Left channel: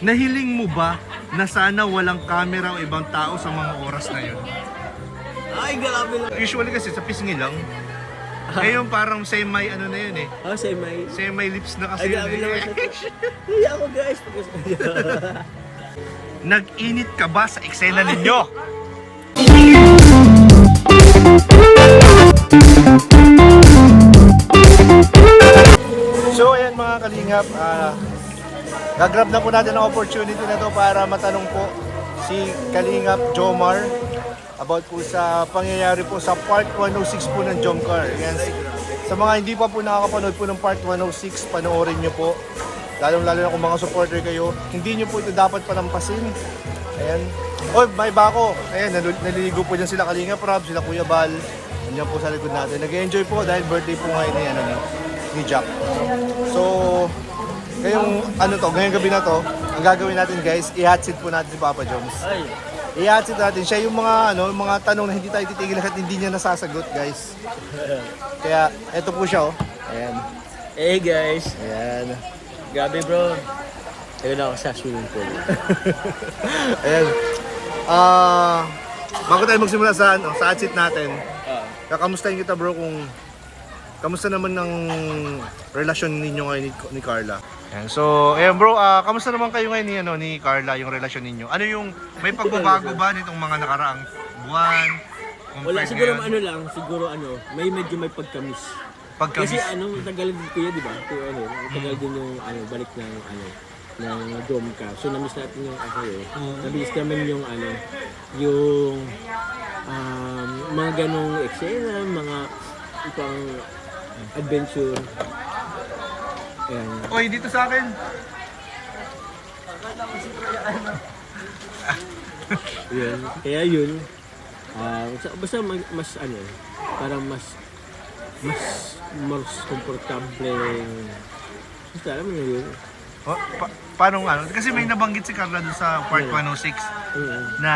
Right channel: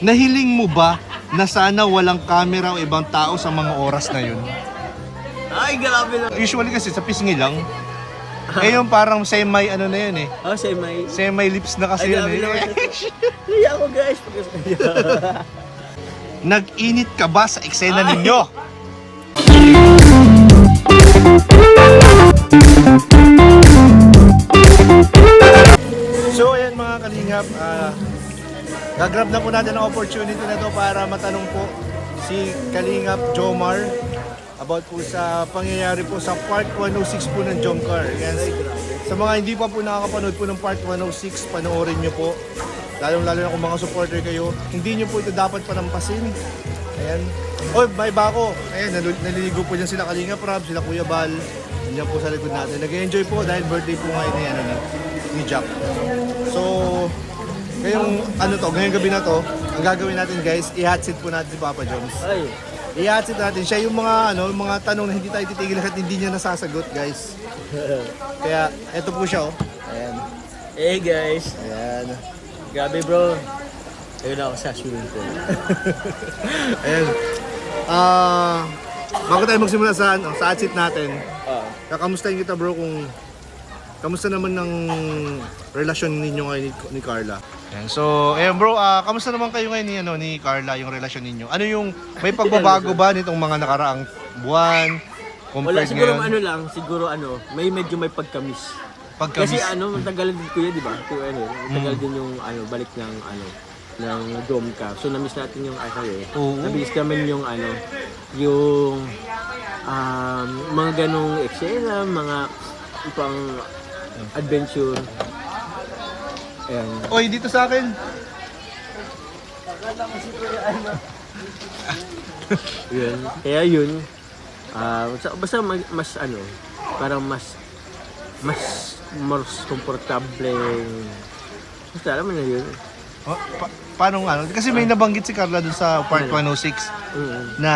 nahiling mo ba na sana walang camera o ibang tao sa mga oras na yun? Ay, grabe lang. Usually kasi sa pisngi lang. Ngayon parang semi ano na yun eh. Oh, semi. Semi lips na kasi Ay, grabe yun. naman siya. Kaya ako guys. Nag-init ka ba sa eksena ninyo? So ayan mga kalingap, gagrab na po natin ang opportunity na to para matanong po si Kalingap Jomar about po sa pangyayari po sa part 106 po ng Jomcar. Yan. Sa mga hindi pa po nakakapanood po ng part 106, panoorin nyo po. Lalo na kung mga supporter kayo, hindi nyo po ito dapat palampasin. Ayan. Oh, may bako. Ayan, naliligo po dyan sila Kalingap Rob, sila Kuya Bal. Nandiyan po sa likod natin. Nag-enjoy po dahil birthday po ngayon ni Jack. So, ngayong gabi na to, ang gagawin natin guys, i-hotseat po natin si Papa Joms. Ay. I-hotseat natin siya yung mga tanong na hindi tayo titigil at hindi niya nasasagot guys. Kaya, eto po siya oh. Ayan. Hey guys. Ayan. Grabe bro. Ayun ako sa swimming pool. Ayan. Bago tayo magsimula sa hotseat natin, kakamustahin kita bro kung kamusta naman ng relasyon ninyo ngayon ni Carla? Ayan, so, ayan bro, kamusta naman kayo ngayon ni Carla, yung relasyon ninyo? Ano yung, may pagbabago ba nitong mga nakaraang buwan? Wala, siguro siguro may medyo may pagkamis. Kasi matagal din kuya, di ba? Matagal din yung balik ng ng dome ka. So na-miss natin yung na-miss namin yung yung mga ganong eksena, mga pang adventure. Ayan. Oy, dito sa akin. Yun. Kaya yun. Basta mas parang mas komportable. Basta alam mo na yun. Paano kasi may nabanggit si Carla dun sa part 106 na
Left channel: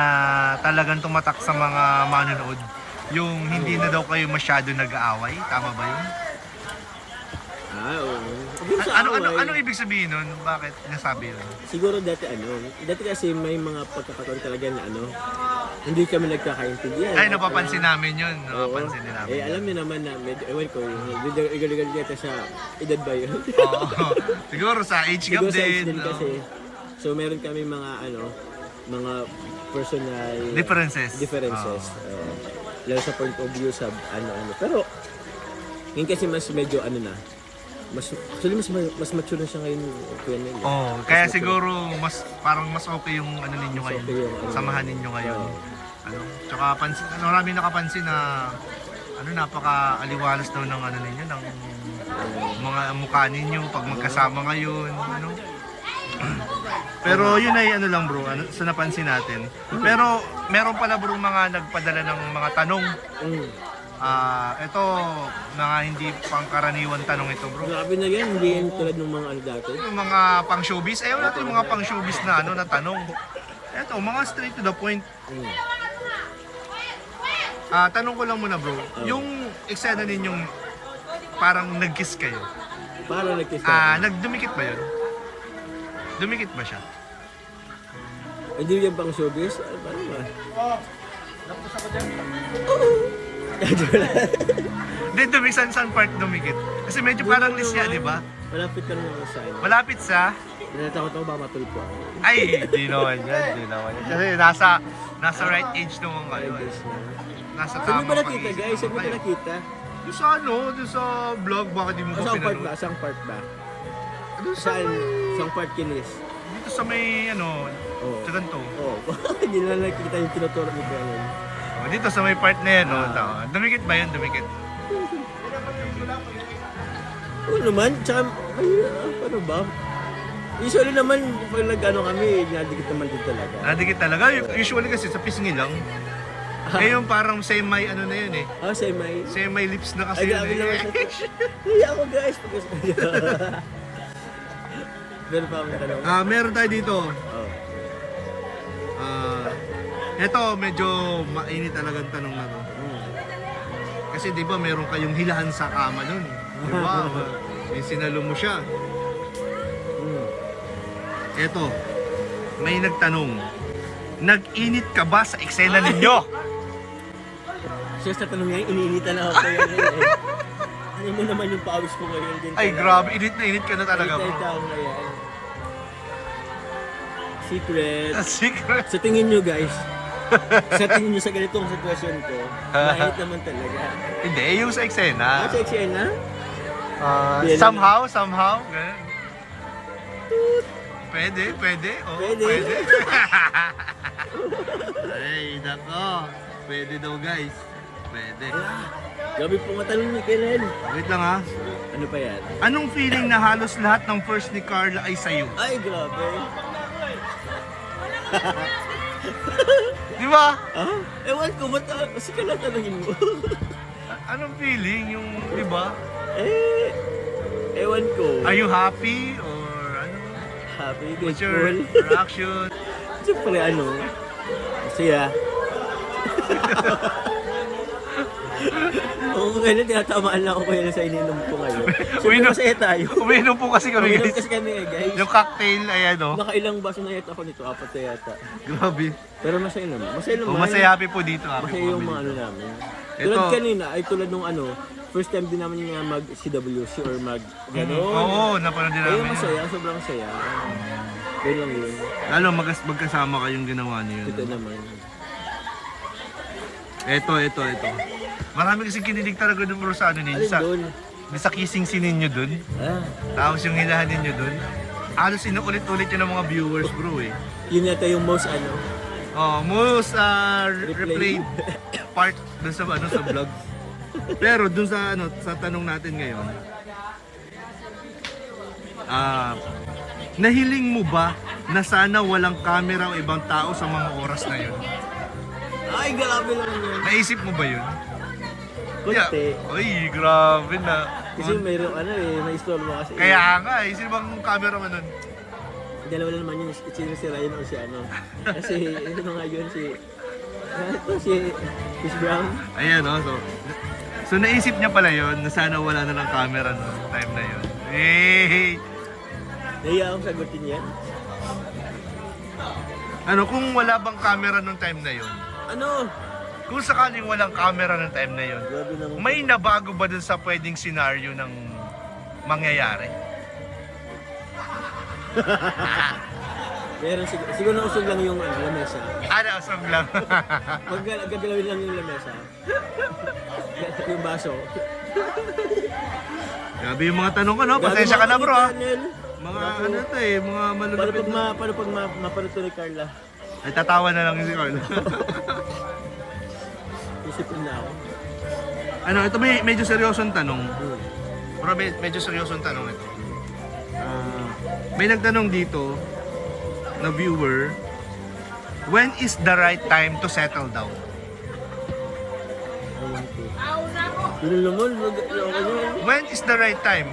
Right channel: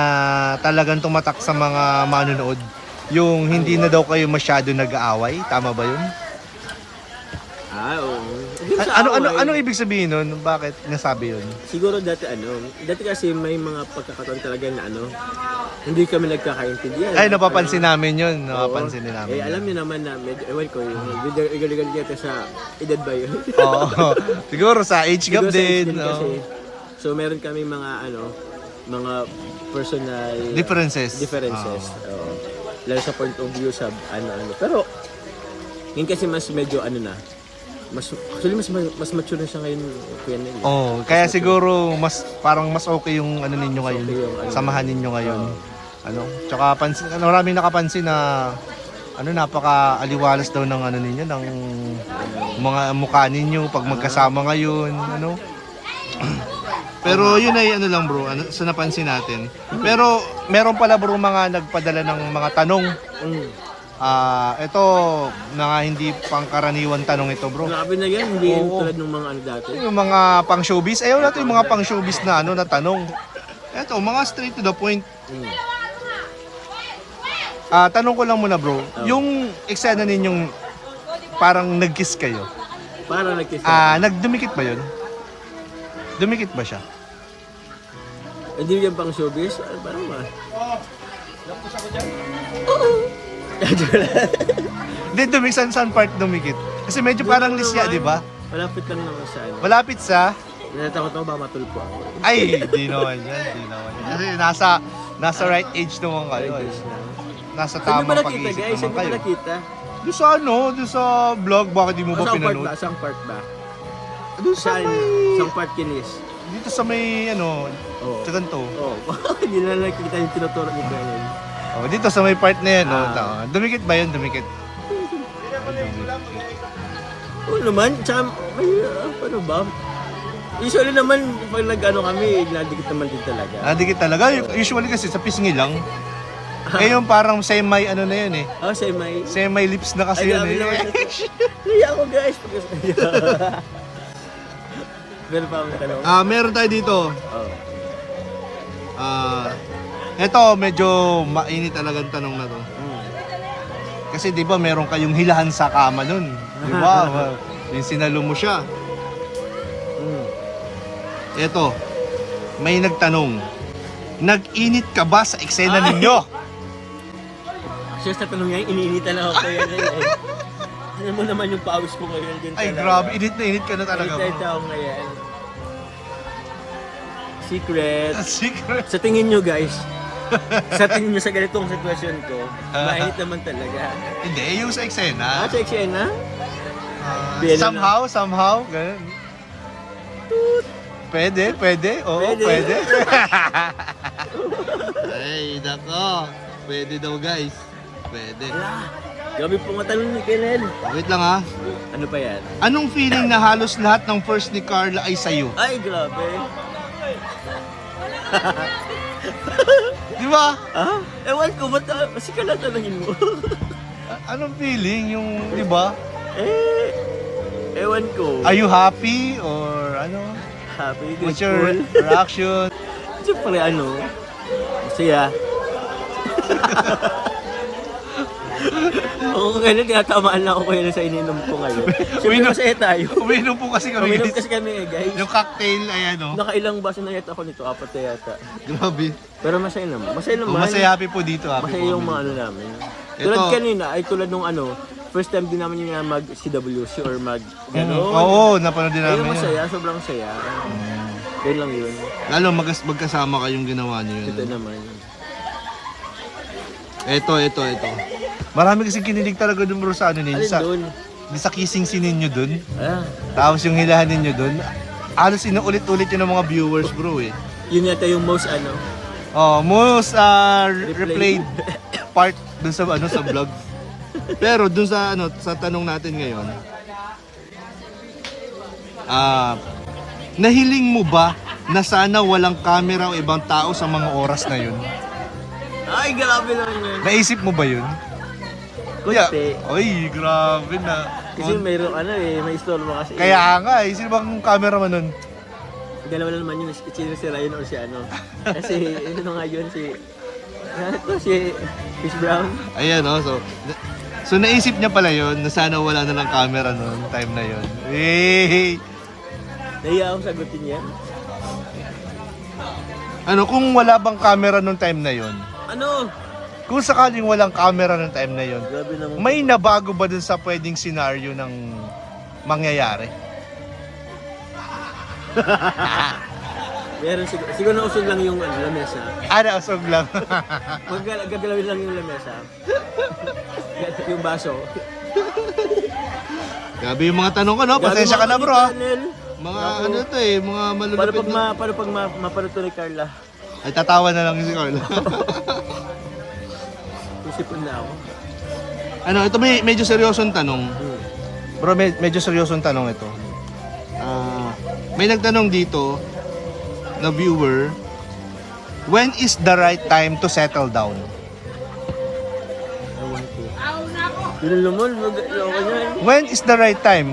talagang tumatak sa mga manonood. Yung hindi na daw kayo masyado nag-aaway, tama ba yun? Oo. Ano ibig sabihin nun? Bakit nasabi yun? Siguro dati kasi may mga pagkakataon talaga na hindi kami nagkakaintindihan. Ay, napapansin namin yun. Napapansin namin. Alam niyo naman na ewan ko yung igal-igal yata sa edad ba yun? Oo. Siguro sa age gap Siguro sa age din. din kasi. So meron kami mga personal Differences. Oo. Lalo sa point of view sa Pero ngayon kasi mas medyo mas mature na siya ngayon Kuya Nel. Kaya siguro parang mas okay yung ninyo ngayon. Okay yung samahan ninyo ngayon. Tsaka maraming nakapansin na napaka-aliwalas daw ng ninyo ng mga mukha ninyo pag magkasama ngayon, Pero yun ay lang bro, sa napansin natin. Pero meron pala bro mga nagpadala ng mga tanong. Ito mga hindi pangkaraniwan tanong ito bro. Grabe na yan, hindi tulad ng mga dati. Yung mga pang showbiz, ayaw natin yung mga pang showbiz na na tanong. Ito, mga straight to the point. Tanong ko lang muna bro, yung eksena ninyong parang nag-kiss kayo. Parang nag-kiss. Nagdumikit ba yun? Dumikit ba siya? Hindi yan pang showbiz? Parang ba? Hindi, saan part dumikit? Kasi medyo parang lisya, di ba? Malapit lang naman sa Malapit sa? Natatakot ako ba matulpo ako? Ay, di naman yan. Kasi nasa right age naman kayo. Nasa Saan tamang ba nakita guys? Saan ba nakita? Doon sa doon sa vlog, bakit di mo ba pinanood? Saan part ba? Doon sa Saan part kinis? dito sa may sa ganito. Hindi na nakikita yung tinuturo ni Brian. Dito sa may part na yan, dumikit ba yun? Dumikit. Oo naman, tsaka may paano ba? Usually naman, pag kami, nadikit naman din talaga. Nadikit talaga? Usually kasi sa pisngi lang. Ngayon parang semi na yun eh. Semi? Semi lips na kasi. Ay, grabe naman siya. Kaya ako guys. Meron pa akong tanong? Meron tayo dito. Eto, medyo mainit talagang tanong na to. Kasi di ba meron kayong hilahan sa kama nun. Di ba? Yung sinalo mo siya. Eto, may nagtanong, nag-init ka ba sa eksena ninyo? Siya sa tanong ngayon, iniinitan na ako kaya rin eh. Ano mo naman yung pawis ko ngayon din. Ay, grabe, init na init ka na talaga. Init ako ngayon. Secret. Secret. Sa tingin nyo guys, sa tingin nyo sa ganitong sitwasyon ko, mainit naman talaga. Hindi, yung sa eksena. Sa eksena? Somehow, ganun. Pwede. Oo, pwede. Ay, nako. Pwede daw, guys. Pwede. Gabi po nga tanong ni Kenneth. Wait lang ha. Ano pa yan? Anong feeling na halos lahat ng first ni Carla ay sa'yo? Ay, grabe. Di ba? Ah? Ewan ko, ba't kasi ka lang tanongin mo? Anong feeling? Yung, di ba? Ewan ko. Are you happy or ano? Happy, What's grateful. your reaction? Siyempre ano, masaya. Oo, ngayon tinatamaan lang ako kaya sa ininom ko ngayon. Siyempre masaya tayo. Uminom po kasi kami, Uminom guys. kasi kami guys. Yung cocktail, ayan o. Nakailang baso na yata ako nito, 4 na yata. Grabe. Pero masaya naman. Masaya naman. Masaya happy po dito. Happy Masaya po yung kami mga ano dito. namin. Ito. Tulad kanina, ay tulad nung ano, first time din namin yung mag CWC or mag gano'n. Oo, napanood din namin. Ayun, masaya, sobrang saya. Ganyan lang yun. Lalo magkasama kayong ginawa niyo Ito yun. naman. Ito. Marami kasi kinilig talaga dun bro sa ano ninyo. Alin doon? Sa kissing scene ninyo dun. Ah, Tapos yung hilahan ninyo dun. Halos inuulit-ulit yun ng mga viewers bro eh. yun yata yung most ano. Most replayed part dun sa ano sa vlog. Pero dun sa ano sa tanong natin ngayon. Nahiling mo ba na sana walang camera o ibang tao sa mga oras na yun? Ay, grabe naman yun. Naisip mo ba yun? Kunti. Ay, grabe na. Kasi mayroong ano eh, may istorbo kasi. Kaya nga eh, sino bang cameraman nun? Dalawa na naman yun, si Ryan o si ano. Kasi ano nga yun, si Chris Brown. Ayan so naisip niya pala yun na sana wala na lang camera noon time na yun. Hey! Nahiya akong sagutin yan. Ano kung wala bang camera noong time na yun? Ano? Kung sakaling walang camera noong time na yun, Grabe naman. may nabago ba dun sa pwedeng senaryo ng mangyayari? Meron siguro na usog lang yung ano, lamesa. Usog lang. Gagalawin lang yung lamesa. yung baso. Grabe yung mga tanong ko, no? Pasensya ka na, bro. Ha? Mga Grabe. ano to eh, mga malulupit na. Paano pag mapanood to ni Carla? Ay, tatawa na lang si Carla. Isipin na ako. Ano, ito medyo seryosong tanong. Bro, medyo seryosong tanong ito. May nagtanong dito na viewer, when is the right time to settle down? Ewan ko. Yun naman, mag-ayaw niyan. When is the right time?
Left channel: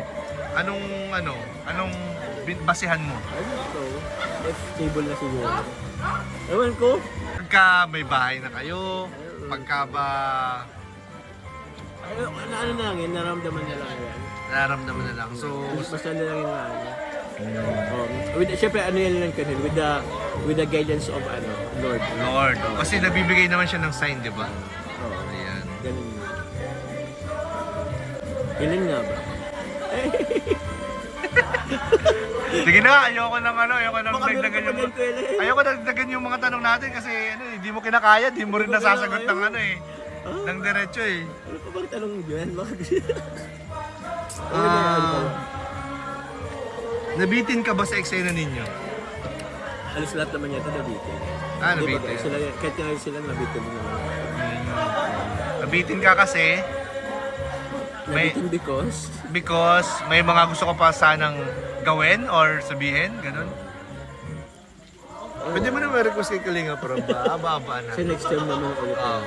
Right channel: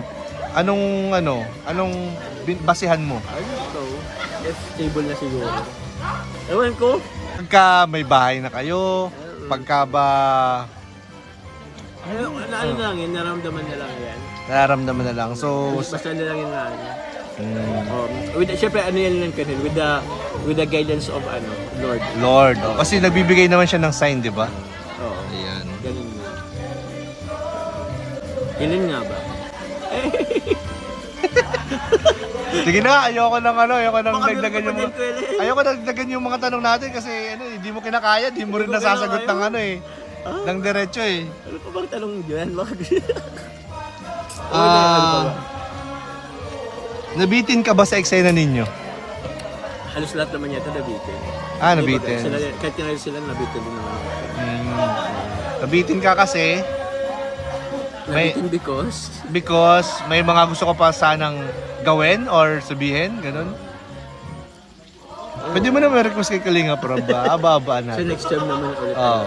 Anong basihan mo? Ano ito? If stable na siguro. Ewan ko. Pagka may bahay na kayo, pagka ba Ano na lang yan, naramdaman na lang yan. nararamdaman na lang. So, Basta na lang yun na ano. Siyempre ano yan lang kanil, with the guidance of ano, Lord. Lord. Kasi nagbibigay naman siya ng sign, di ba? Oo. Ayan. Ganun yun. Kailan nga ba? Sige na, ayoko nang dagdagan pa dyan, Kuya Len. ayoko dagdagan yung mga tanong natin kasi hindi mo kinakaya, hindi mo rin Hindi ko nasasagot kinakaya. ng ano eh. Ng diretso eh. Ano pa bang tanong dyan? Bakit? Nabitin ka ba sa eksena ninyo? Halos lahat naman yata nabitin. Nabitin. Sila, kahit nga sila nabitin din naman. Nabitin ka kasi Nabitin because may mga gusto ko pa sanang gawin or sabihin, ganun. Pwede mo naman request kay Kalinga Prab ba? Aba-aba na. sa next term naman ulit. Oo.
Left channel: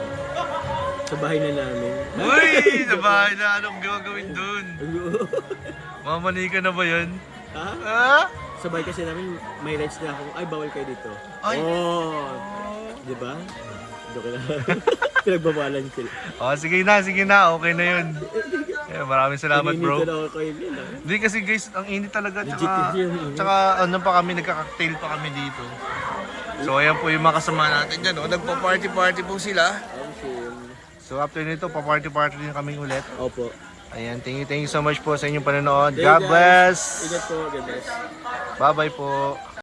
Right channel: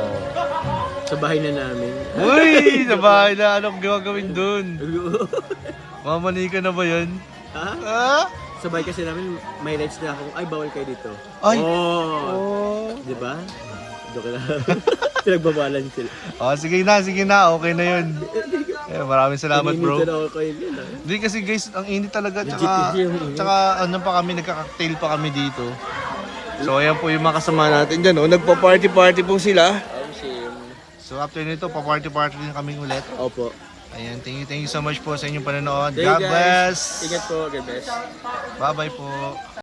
Sa bahay na namin. Uy! Sabay na, anong gagawin dun? Mamani ka na ba yun? Ha? Ha? Sa bahay kasi namin, may rights na akong, ay bawal kayo dito. Ay! Oh! Di ba? Doon lang. Pinagbabalan sila. Sige na, okay na yun. Maraming salamat bro. Pininitan ako kayo nila. Hindi kasi guys, ang init talaga. Legit kasi yung init. Tsaka ano pa kami, nagka-cocktail pa kami dito. So ayan po yung mga kasama natin dyan. Oh. Nagpa-party-party po sila. Same. So after nito, pa-party-party din kami ulit. Opo. Ayan, thank you so much po sa inyong panonood. Hey, God guys. bless! Ingat po, God bless. Bye-bye po!